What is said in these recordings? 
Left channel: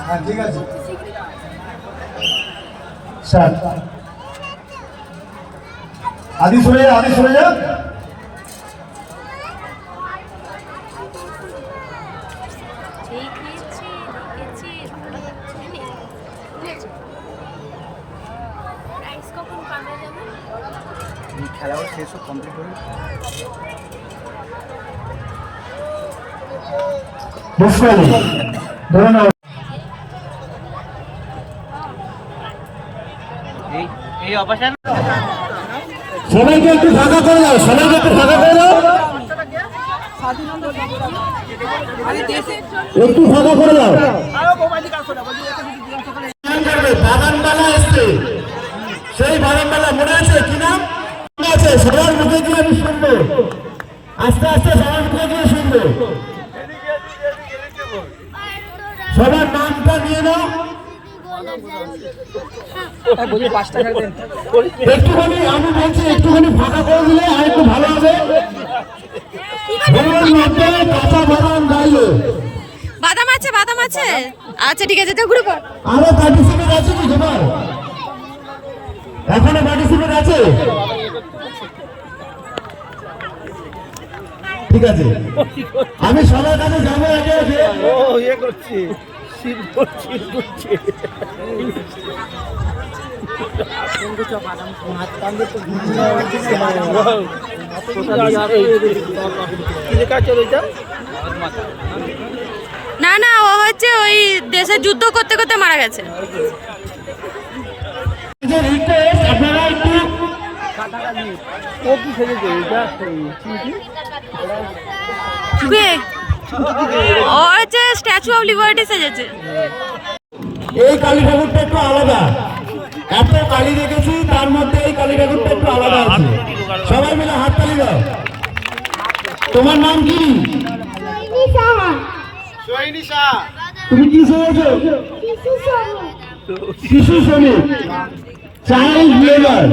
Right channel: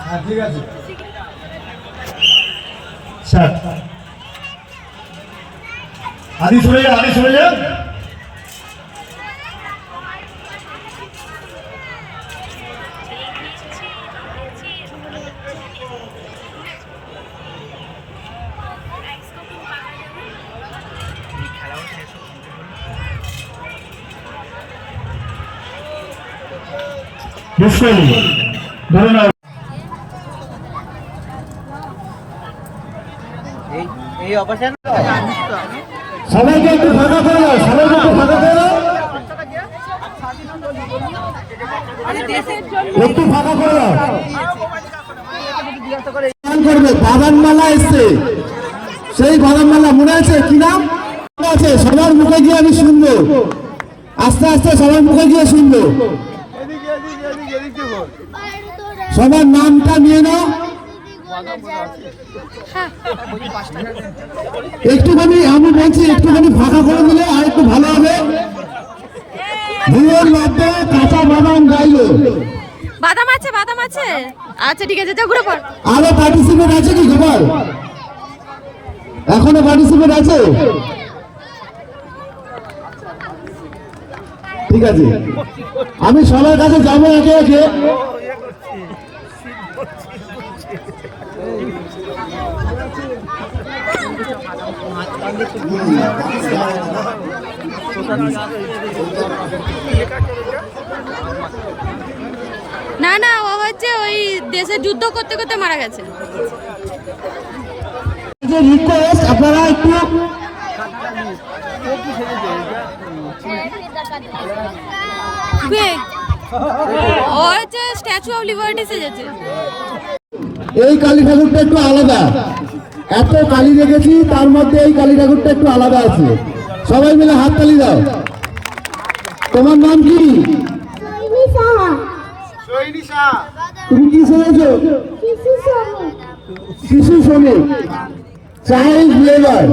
হ্যাঁ ঠিক আছে স্টার্ট আদি সরে যা ধন্যবাদ এই অবসান সবাইকে একটু ফাঁকা করে দাও একটু ফাঁকা করে দাও বাগান মেলা এসছে সেই বাগান মেলা মনে আছে কি নাম আছে সবার মুখে গিয়ে আমি শুনবো আস্তে আস্তে সবার মুখে গিয়ে শুনবো সবার নামটা নিয়ে নাও একটুখানি আমি বলছি একটুখানি ফাঁকা করে দিলে আর একটু ভালো হবে কাঁচা বাদাম গাইলো বাদাম আছে আচ্ছা ঠিক আছে তো ঘুরে পড় আরো পার্টিসিপেট আছে কি খবর এখনো পার্টিসিপেট আছে ঠিক আছে আমি সবার কাছে যাবো একে একে না না ও হচ্ছে ওই দেশে যুদ্ধ করতে করতে মারা গেছে রিকোয়েস্ট আপনারা একটু ও হচ্ছে স্ট্যাচু অফ লিবার্টি সেজেছে এই কালী ঠাকুরটা একটু আলাদা এত কালী রেখেছি তার মধ্যে এই কালী ঠাকুরটা একটু আলাদা আছে সবাই মিলে হাততালি দাও তোমার নাম কি তুমি কি শুনেছো শিশু শ্রমিক চাইল্ড লেবার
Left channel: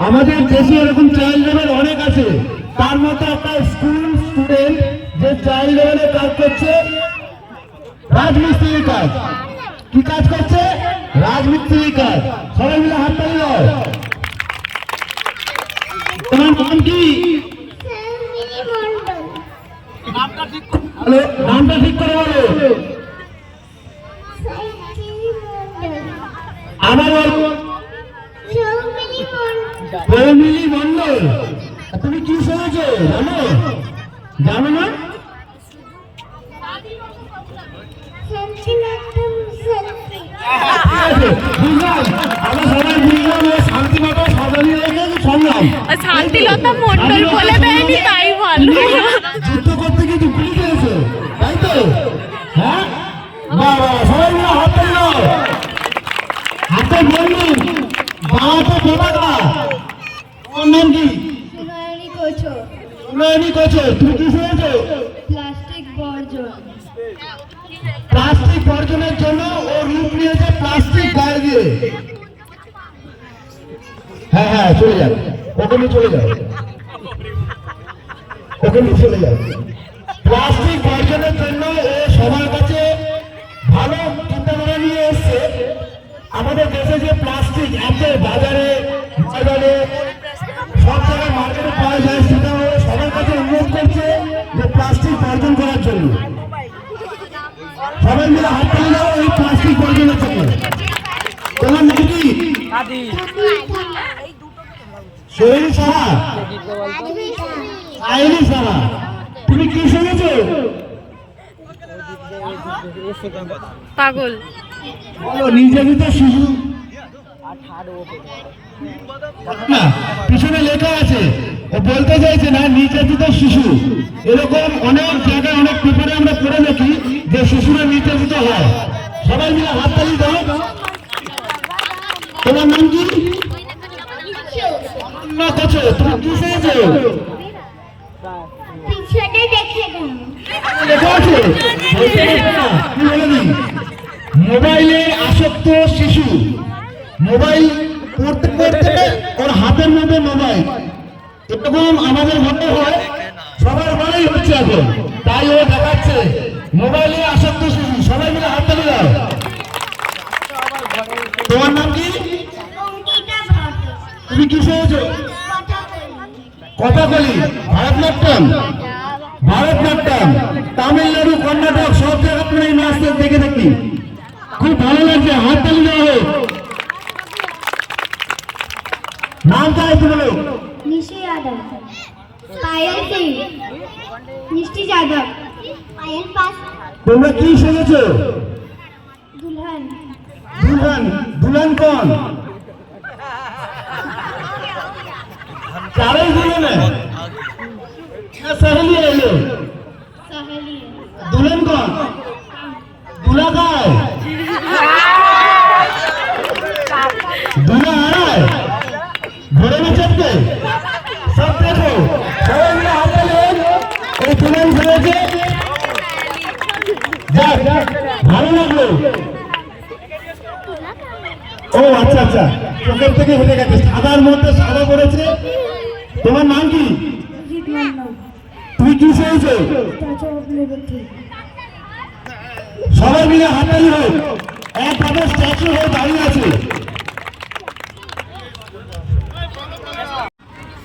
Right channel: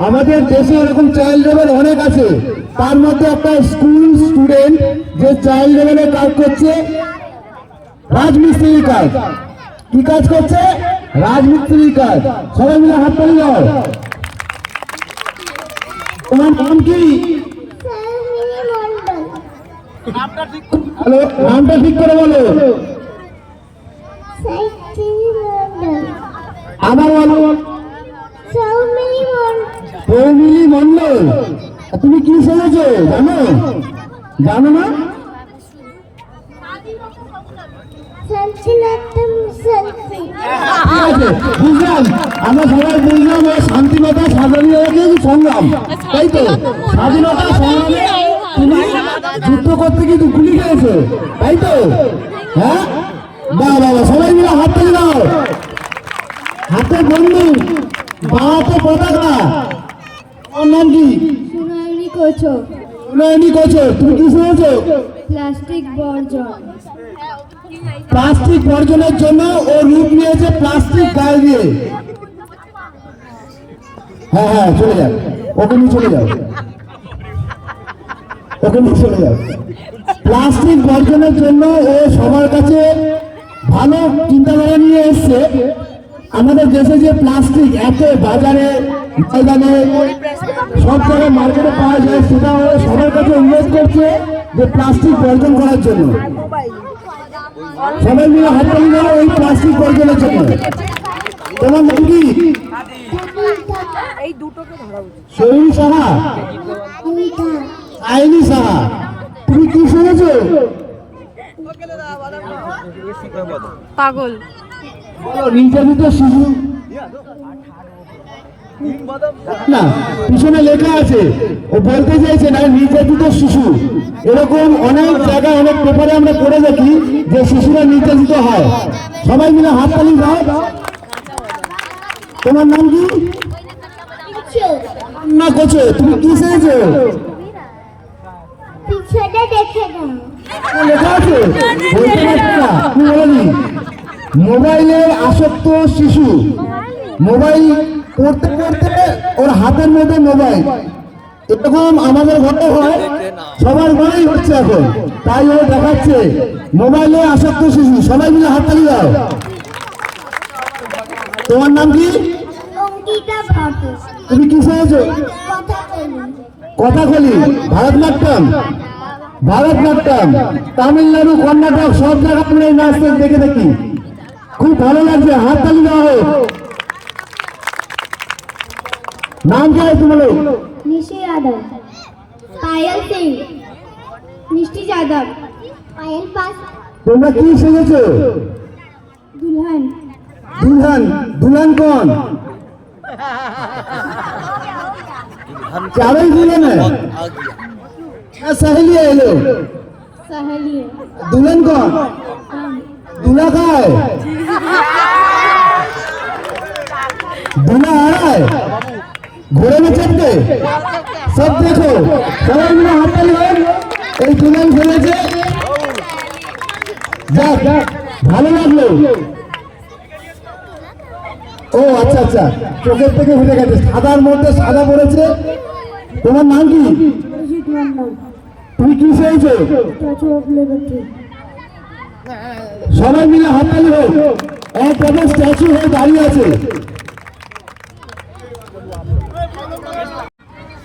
আমাদের দেশে এরকম চাইল্ড লেবার অনেক আছে তার মধ্যে একটা স্কুল স্টুডেন্ট যে চাইল্ড লেবারে কাজ করছে রাজমিস্ত্রির কাজ কি কাজ করছে রাজমিস্ত্রির কাজ সবাই মিলে হাত তালি দাও তোমার নাম কি নামটা ঠিক করে বলো আমার ফ্যামিলি মন্ডল তুমি কি শুনেছো জানো না বুঝলাম আমরা সবাই বুঝলাম ওই শান্তিলতা সাজানি সংগ্রাম যুদ্ধ করতে কিন্তু গুলি খেয়েছে তাই তো হ্যাঁ বাহ বাবা সবাই মিলে হাত তুলে দাও হাতে বন্ধু বাহাতে পতাকা তোমার নাম কি সোনালী কোচো তুমি কি শুনেছো প্লাস্টিক বর্জনের জন্য ও রূপ নিয়েছে প্লাস্টিক গায়ে দিয়ে হ্যাঁ চলে যাও ওকে নিয়ে চলে যাও প্লাস্টিক বর্জনের জন্য ও সবার কাছে ভালো চিন্তাধারা নিয়ে এসছে আমাদের দেশে যে প্লাস্টিক এত বাজারে ময়দানে সব জায়গায় মার্কেটে পাওয়া যায় সেটা আমাদের সবার কাছে অনুরোধ করছে যে প্লাস্টিক বর্জন করার জন্য সবাই মিলে হাত তালি দাও এই প্লাস্টিক বর্জনের জন্য তোমার নাম কি শরীর সাহা আইনি সাহা তুমি কি শুনেছো পাগল নির্যাতিত শিশু না পিছনে লেখা আছে ও বলতে চাইছে না নির্যাতিত শিশু এরকম অনেক জায়গায় অনেক পেপারে আমরা পড়ে দেখি যে শিশুরা নির্যাতিত হয় সবাই মিলে হাততালি দাও তোমার নাম কি না কোচো তুমি কি শুনেছো লেখা আছে বলতে পারছো না তুমি বলে দিন মোবাইলের আসক্ত শিশু মোবাইল পড়তে পড়তে ওর হাতের মধ্যে মোবাইল এরকম আমাদের ঘরে হয় সবার ঘরেই হচ্ছে এখন, তাই ও দেখাচ্ছে মোবাইলে আসক্ত শিশু। সবাই মিলে হাততালি দাও। তোমার নাম কি? অঙ্কিতা ভাটু। তুমি কি শুনেছো? কথাকলি, ভারতনাট্যম, ভারতনাট্যম, তামিলনাড়ু, কর্ণাটক সব জায়গায় আমরা এই নাচ দেখে দেখি। খুব ভালো লাগছে, হাততালি দাও। নাম কি আছে বলো? निशी यादव, पायल सिंह, मिष्टी यादव, पायल पास, তোমরা কি শুনেছো? दुल्हन, दुल्हन, दुल्हन कौन? चारों दुल्हन है या सहेली है ये लोग? सहेली है, दुल्हन कौन? हम, दूल्हा कहाँ है? दूल्हा आ रहा है घोड़े में चढ़ के। सब देखो, সবাই মিলে হাততালি হোক। এই দুলহন ফেলেছে, যাক ভালো লাগলো। ও আচ্ছা আচ্ছা, চোখের থেকে হেঁটে গেছে, সাদার মধ্যে সাদা পড়েছে। তোমার নাম কি? अजीत मंडल, তুমি কি চেয়েছো? चाचा अपने बच्चे, সবাই মিলে হাততালি হোক। এক পথে স্ট্যাচু হয়ে দাঁড়িয়ে আছে।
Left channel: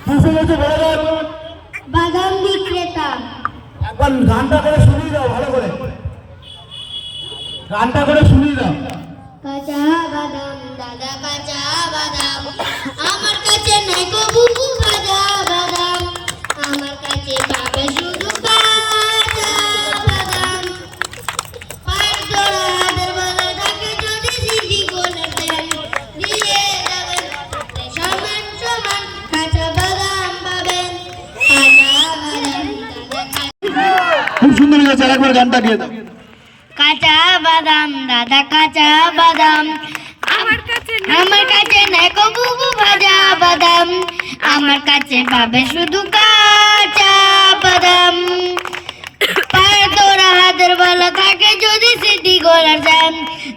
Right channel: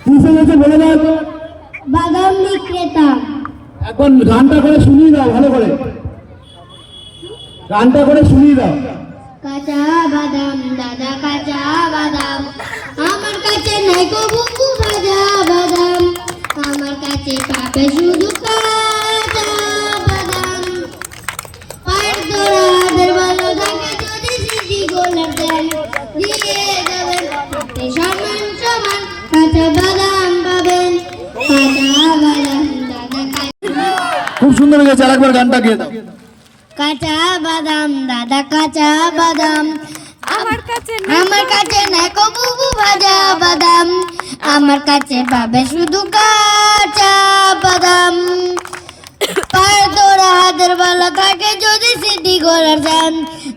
কি চেয়েছো বলে দাও। बादाम विक्रेता, একবার গানটা করে শুনিয়ে দাও, ভালো করে গানটা করে শুনিয়ে দাও। কাঁচা বাদাম দাদা কাঁচা বাদাম, আমার কাছে নাই কবু ভাজা বাদাম, আমার কাছে পাবে শুধু কাঁচা বাদাম, পায়ের তোরাদের ভালো থাকে যদি সিদ্ধি গোলাপ দেন, দিয়ে যাবেন হাতে সমান সমান কাঁচা বাদাম পাবেন, কাঁচা বাদাম দাদা কাঁচা, খুব সুন্দর হয়েছে, আরেকবার গানটা গিয়ে দাও। কাঁচা বাদাম দাদা কাঁচা বাদাম, আমার কাছে আমার কাছে নাই কবু ভাজা বাদাম, আমার কাছে পাবে শুধু কাঁচা বাদাম, পায়ের তোরা হাতের ভালো থাকে যদি সিটি গোলার যান,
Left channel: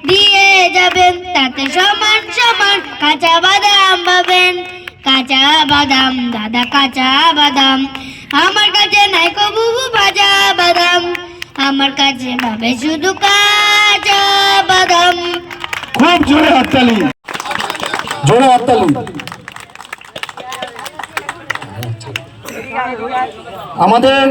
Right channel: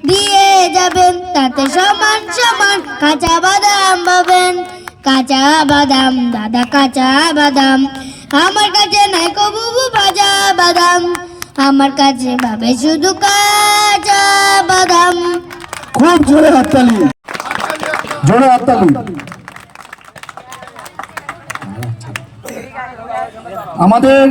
দিয়ে যাবেন তাতে সমান সমান কাঁচা বাদাম পাবেন, কাঁচা বাদাম দাদা কাঁচা বাদাম, আমার কাছে নাই কবু ভাজা বাদাম, আমার কাছে পাবে শুধু কাঁচা বাদাম। খুব জোরে হাততালি, জোরে হাততালি। আমাদের